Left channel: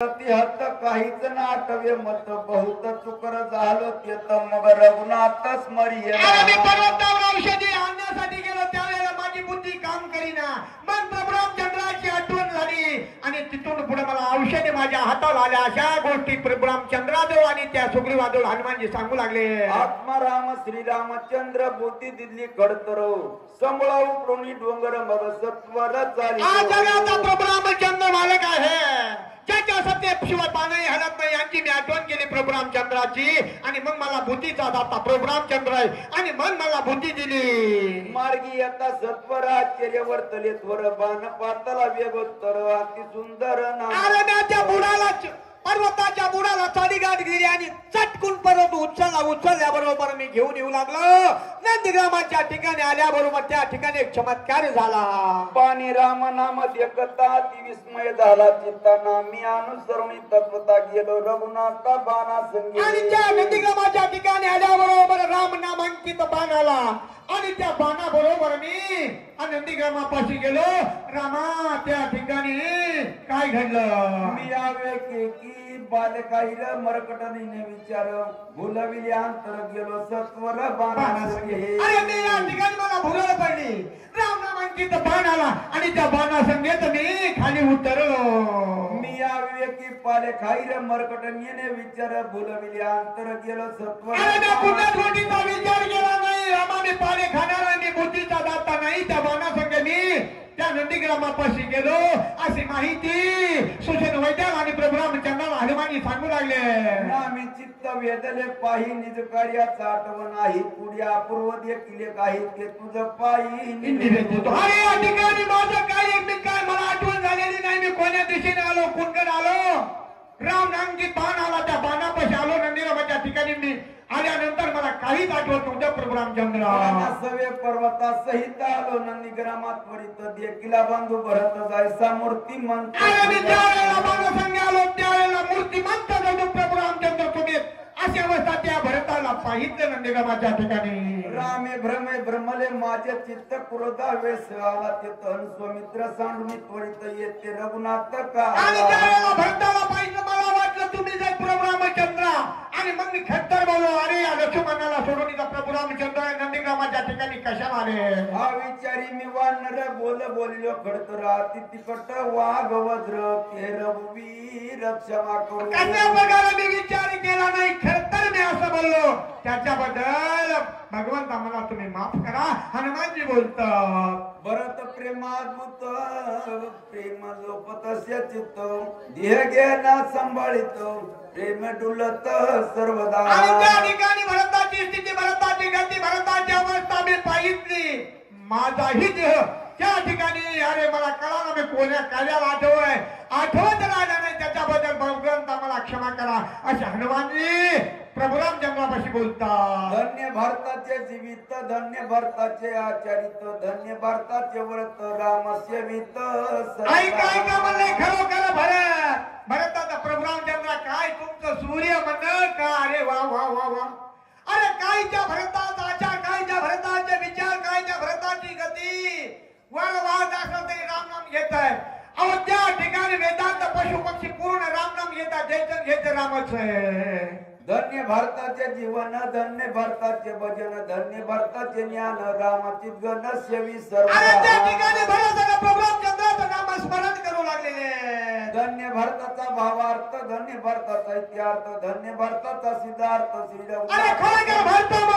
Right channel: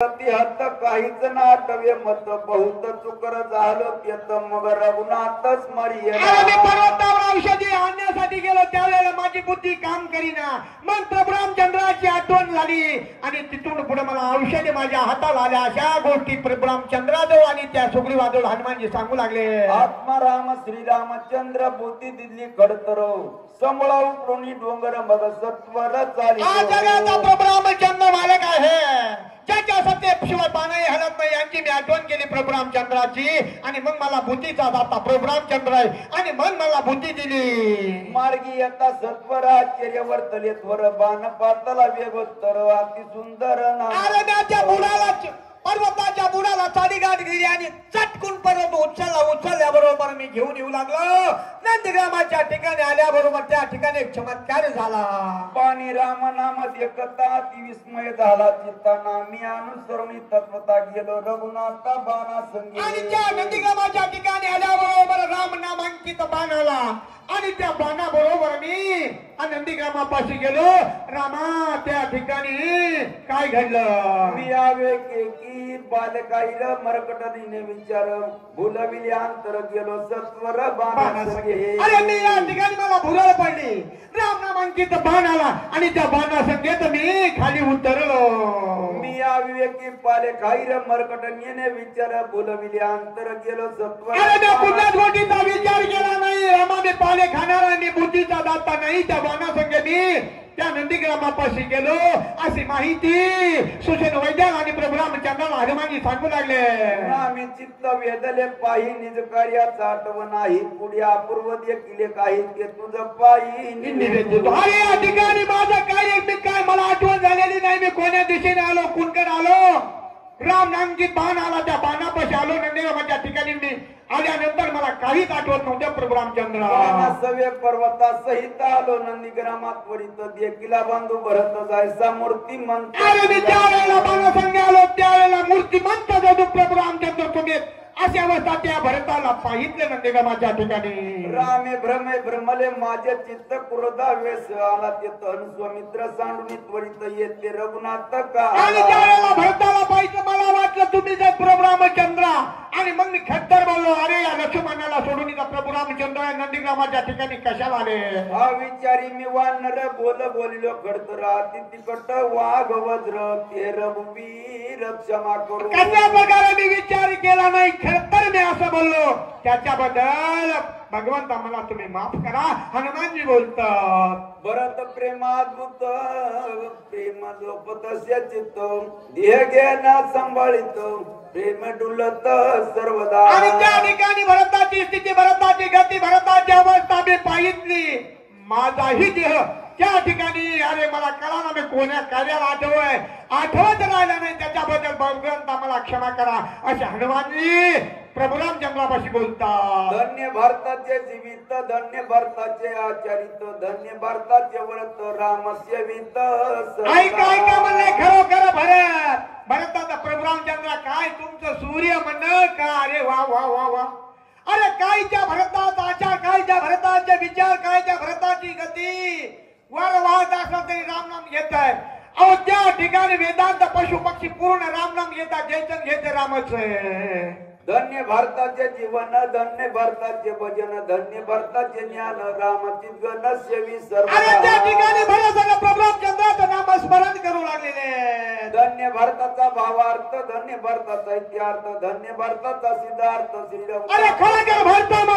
हत्त काहीच नाटव्य मत बहुत चुकर झालो तेत मग रघुनाथ स्मरिय औषधी आणण्यासाठी गेलो त्यावेळेला माझी बुद्धी काम करीना मग प्रभू रामचंद्राची आठवण झाली आणि तिथून पुढे मला औषधे माझ्या हाताला आल्या अशा गोष्टी प्रभू रामचंद्राजवळ आणि त्या सुग्रीवाजवळ हनुमानजी सांगू लागले आत्मा राम श्रीरामचंद्र बुद्धी दिली कडतरो संभळाऊ कोणी डोंगर मग सत्वर चाली जगाचा प्रभू रामचंद्र मालक आहे ज्याच्या सत्तेशिवाय पाणी हलत नाही यांची मी आठवण केली प्रभू रामचंद्राची आणि मग मला बुद्धीचा दाता प्रभू रामचंद्र आहे आणि मग मला बुद्धी दिली मार्गी आता सत्वर आश्चर्यवर तले थोर बाण पातला वेगोत्तर अति सुंदर नारदाच्या बुडाला पर्वताच्या बुडाला साडीगाठ गेली आणि चटकून पर्वत उचलल्याबरोबर मी घेऊन येऊ लागलो नंदीग्रामाच्या ठिकाणी आल्याबरोबर त्या ठिकाणी एक चमत्कार झाला पाणी राम नामत एकता अति विस्मय झाला चित्ताना मी अनुसरणी तत्वता गेलो रघुनाथ बाणा संगे आणि त्या नंदीग्रामाच्या ठिकाणी आल्याबरोबर राम नामांकित बाण आला आणि त्या बाणा बरोबर मी नंदीग्रामापाशी गेलो रामा त्या ठिकाणी काय घडलं मी आवे की बालकाईर मरकटनीने विचार भुलविले अंतर गेलो सत्वर बाणा संगे अरे मी या ठिकाणी मला भुलायला पडली राम नामांकित बाण आला आणि त्या बाणा संगेत मी खाली उतरलो मी आवे की बालकाईर मरकटनीने विचार भुलविले अंतर गेलो सत्वर अरे त्या पुण्यात गोष्टीचा विचार केला नाही रामा मी पाले खाणारा आणि बुद्धीचा दाता नाही त्या बाणा संगे मी त्या नंदीग्रामापाशी गेलो अशी माहिती सुजन वैद्य आणि प्रभू रामचंद्राला हनुमानजी सांगू लागले आम्ही चित्त वेदले पाही निज कार्याचा आठवण नाही पुढे अपूर्व देखील काही ते तुझं पायी अरे या ठिकाणी माझं कार्य मी काय मला आठवण झालेली नाही मी कोण्या दिशेने आलो कुणकड आलो राम नामजीत बाण आला त्या बाणापाशी आलो नंदीग्रामाच्या ठिकाणी मी आल्यानंतर मला काहीच आठवत नव्हतं प्रभू रामचंद्र सव्य पर्वता सहित आलो नंदीग्रामात त्वरित देखीला बांधू भरत जायचा मूर्तिमंत मी त्यावेळेला बाणा संगे आलो त्यावेळेला मूर्तिमंत जदू प्रभू रामचंद्र तुम्ही अशी अवस्था त्या भरताला पाहितले नंदीग्रामाच्या ठिकाणी रामे भ्रमले माझे चित्त क्रोधा वेस आला ते तन स्वमित्र सांडून त्वरित येते रघुनाथ का आणि त्यावेळेला भरताला पाहिजे मला वाटलं तुम्ही जे प्रभू रामचंद्र आणि मग मी खट्टर बोललो अरे या लक्ष्मणाला सोडून प्रभू रामचंद्र नंदीग्रामाच्या ठिकाणी कशाला आले हा विचारी मी वानर बोलिलो खडतर तिकट वाघ वज्र ते रघुवीर क्षमा करू कशा प्रकारे मी विचार केला नाही खरतर मी असं बोललो त्याच्याबद्दल भगवंत मला तुम्ही माफ करा हनुमानजी बोलतात भरत प्रेमादूत प्रेम लोपतस्य चित्त देह ज्ञाना संभाळित प्रेम डुलत सर्वदा आणि त्या ठिकाणी भरताची स्थिती भरताची गती भरताची अवस्था मी पाहितली माझाही देह त्या ठिकाणी अरे मला कळा ना मी कोण्या कार्याला आठवत राहिला नाही त्याच्याबद्दल भगवंत मला क्षमा करा असे हनुमानजी प्रभू रामचंद्रापाशी बोलतात धन्य भारताचे जीवित धन्य भारताचे आचरित धन्य भारताचे व्रत रामस्य वित ऐका म्हणले खरोखर भरताचा प्रभू रामचंद्र काय तुमचं सूर्य म्हणणं का अरे वा वा वा वा अरे काय त्या भरताचा आचार काय त्या भरताचे विचार काय त्या भरताची गती वर वाहत असं तरी रामनाम घेत आहे अहो त्या ठिकाणी वेदांत पशु पक्षी पूर्ण रामनाम घेतात जयचंद घेते रामच धन्य भारताचे जीवन धन्य भारताचे भजन धन्य भारताचे ज्ञान रामचित गणस्य विसर्ग अरे त्या ठिकाणी भरताला प्रभू रामचंद्राचं नाम स्मरण करू लागलेले धन्य भारताचा भावार्थ धन्य भारताचा इत्यार्थ धन्य भारताचा सिद्धार्थ श्रीराम अरे खरोखर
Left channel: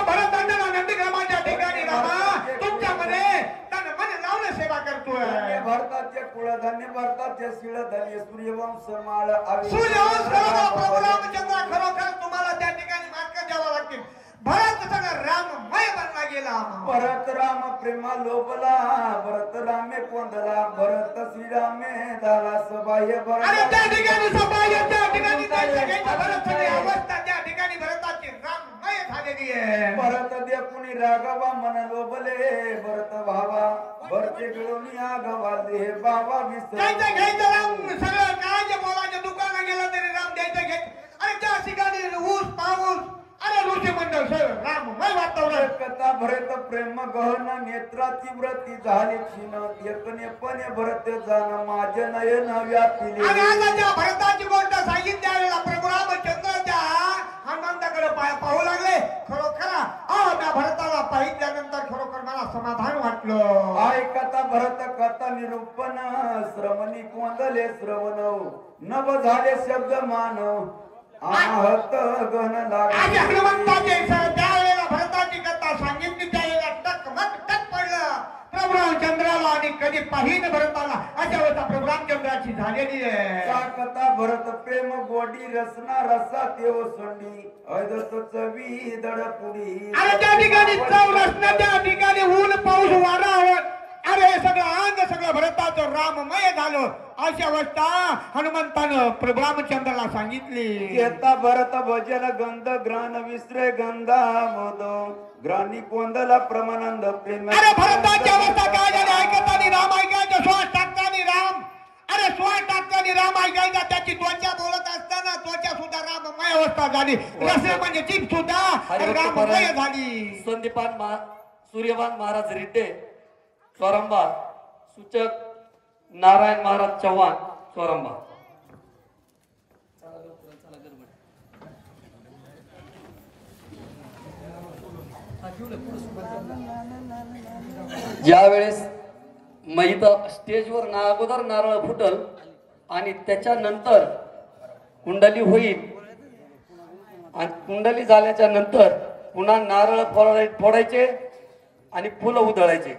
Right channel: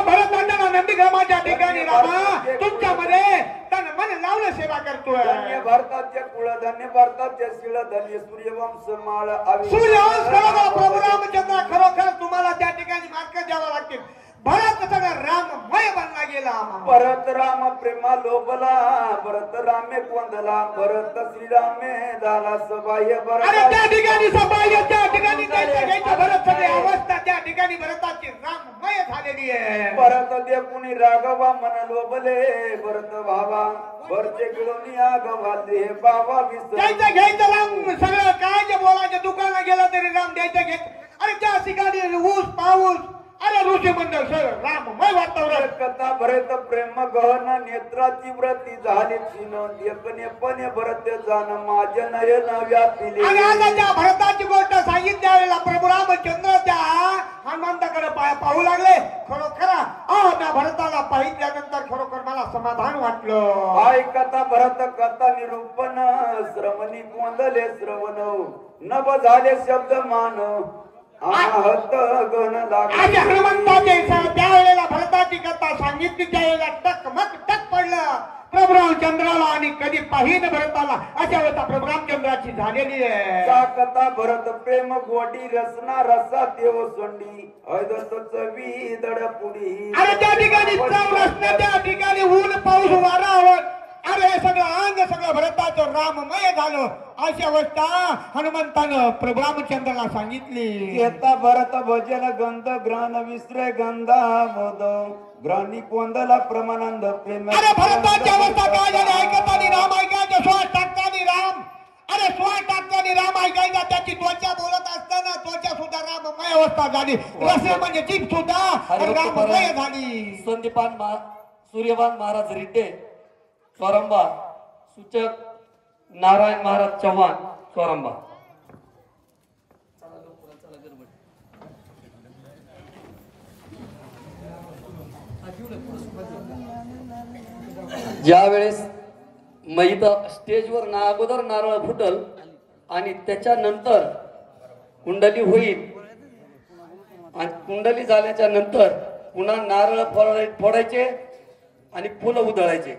भरत नंदीग्रामाच्या ठिकाणी रामा तुमच्यामध्ये तन मन लावून सेवा करतोय धन्य भारताचे कुळ धन्य भारताचे शिळ धन्य सूर्यवंश माळ सूर्यवंश प्रभू रामचंद्र खरोखर तुम्हाला त्या ठिकाणी मार्ग द्यावा लागतील भरत सगळा राममय बनला गेला भरत राम प्रेमा लोभला भरत रामे कोंदला भरत श्रीरामे झाला सबाह्य भरत अरे त्या ठिकाणी सबाह्य त्या ठिकाणी भरत सगळी अवस्था त्या ठिकाणी भरताची राममय झालेली आहे भरत देखुनी राघवा मन लोभले भरत भावा भरते गिळून आगवा दे बाबा विसर घ्यायचं राम सगळं काय जे बोलायचं दुकानात गेला तरी राम द्यायचं घ्यायचं अरे त्या ठिकाणी ऊस पाऊस अरे ऋषी मंडळ सर राममय वातावरण कथा भरत प्रेम गहन नेत्राची व्रती झाली छिन देखणेपणे भरत जाण माझे नयन व्यापिले. आणि आता त्या भरताची गोष्ट सांगितल्या वेळेला प्रभू रामचंद्र त्या हनुमंताकडे पाहू लागले. खरोखर त्या भरताला पाहिल्यानंतर खरोखर मला समाधान वाटलं. हाय कथा भरत कथा निरूपण श्रवणी मोदले श्रवण नभ झाले शब्द मान आहत गण लागले. आज हनुमंताचे त्यावेळेला भरताची कथा सांगितली त्यावेळेला टकमक टक पडलं प्रभू रामचंद्राला. आणि कधी पाहिन भरताला अशा वेळेला प्रभू रामचंद्राची झालेली आहे. त्या कथा भरत प्रेम गोडी रसना रसा देव सोंडी ऐदत चवी दडपुडी. अरे त्या ठिकाणी चव नसते त्या ठिकाणी ऊन पाऊस वारा आलं. अरे हे सगळं अंग सगळं भरताचं राममय झालं. अशा अवस्था हनुमंतानं प्रभू रामचंद्राला सांगितली. घेता भरत भजन गंध ग्रहण विसरे गंधा बोध ग्रहणी कोंदला प्रमानंद प्रेम. अरे भरताची अवस्था काय झाली ऐकतानी राम ऐकायचं 16 टक्क्यांनी राम. अरे 16 टक्क्यांनी राम ऐकायचा. त्याची त्वचा बोलत असताना त्वचा सुद्धा राममय अवस्था झाली. रसे म्हणजे जीभ सुद्धा राममय झाली. सूर्यवान महाराज रेड्डे चोरंबा सूचक नारायण महाराज चव्हाण चोरंबा. ज्यावेळेस मैत स्टेजवर अगोदर नारळ फुटल आणि त्याच्यानंतर कुंडली होईल आणि कुंडली झाल्याच्या नंतर पुन्हा नारळ फोडायचे आणि फुलं उधळायचे.